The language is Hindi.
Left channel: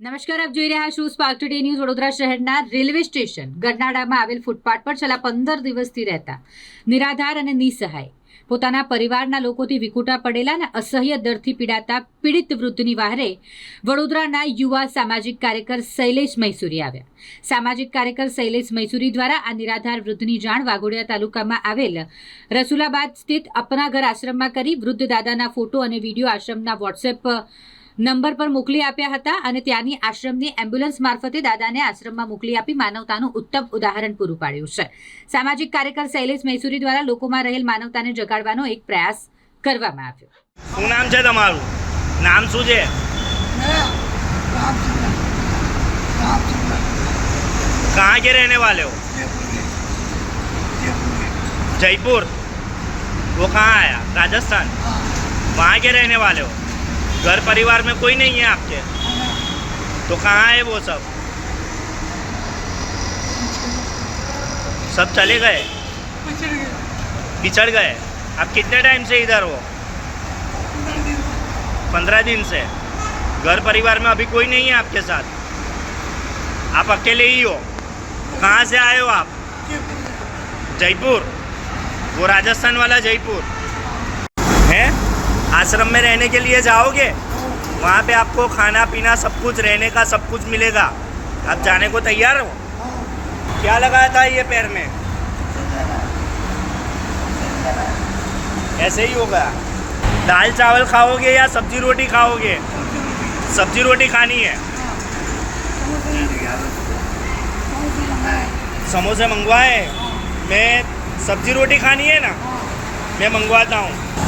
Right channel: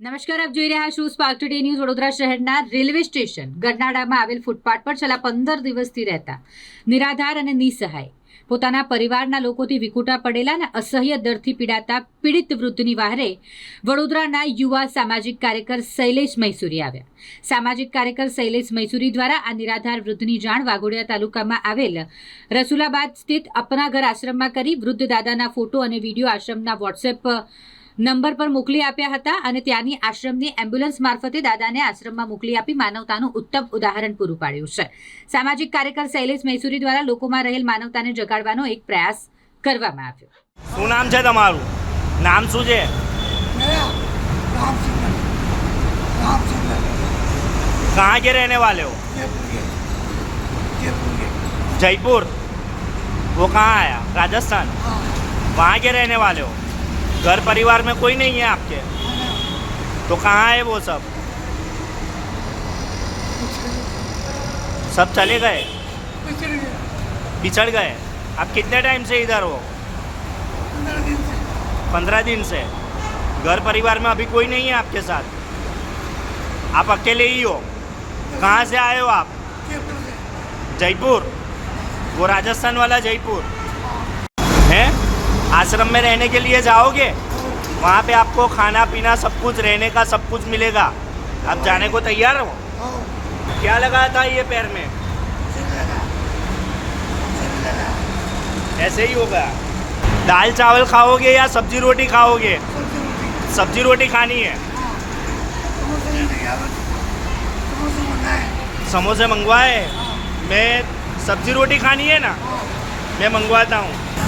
નમસ્કાર, આપ જોઈ રહ્યા છો સ્પાર્ક ટુડે ન્યૂઝ વડોદરા શહેરના રેલવે સ્ટેશન. ગરનાળામાં આવેલ ફૂટપાથ પર છેલ્લા પંદર દિવસથી રહેતા નિરાધાર અને નિસહાય પોતાના પરિવારના લોકોથી વિકુટા પડેલા અને અસહ્ય દર્દથી પીડાતા પીડિત વૃદ્ધની વાહરે વડોદરાના યુવા સામાજિક કાર્યકર શૈલેષ મૈસુરી આવ્યા. સામાજિક કાર્યકર શૈલેષ મૈસુરી દ્વારા આ નિરાધાર વૃદ્ધની જાણ વાઘોડિયા તાલુકામાં આવેલ રસુલાબાદ સ્થિત અપના ઘર આશ્રમમાં કરી વૃદ્ધ દાદાના ફોટો અને વીડિયો આશ્રમના વોટ્સએપ નંબર પર મોકલી આપ્યા હતા અને ત્યાંની આશ્રમની એમ્બ્યુલન્સ મારફતે દાદાને આશ્રમમાં મોકલી આપી માનવતાનું ઉત્તમ ઉદાહરણ પૂરું પાડ્યું છે સામાજિક કાર્યકર શૈલેષ મૈસુરી દ્વારા લોકોમાં રહેલ માનવતાને જગાડવાનો એક પ્રયાસ કરવામાં આવ્યો શું નામ છે તમારું નામ શું છે मेरा राम सिंह राम सिंह कहाँ के रहने वाले हो जयपुर के जयपुर के जयपुर वो कहाँ आया राजस्थान हाँ वहाँ के रहने वाले हो घर परिवार में कोई नहीं है आपके? तो कहाँ है वो सब? सब चले गए? बिछड़ गए? आप कितने टाइम से इधर हो? पंद्रह दिन से। घर परिवार में अभी कोई नहीं है आपके साथ? आप अकेले ही हो? कहाँ से आए हो आप? जयपुर? वो राजस्थान वाला जयपुर? हैं? आश्रम में रहने के लिए जाओगे, वहाँ पे आपको खाना पीना सब कुछ, रहने का सब कुछ मिलेगा। आप जाने को तैयार हो? क्या लगाया था ये पैर में? ऐसे ही होगा। दाल चावल खाओगे या सब्ज़ी रोटी खाओगे? सब्ज़ी रोटी खानी है। समोसे मंगवाए? मैं सब्ज़ी रोटी खानी है ना? मैं मंगवाता हूँ।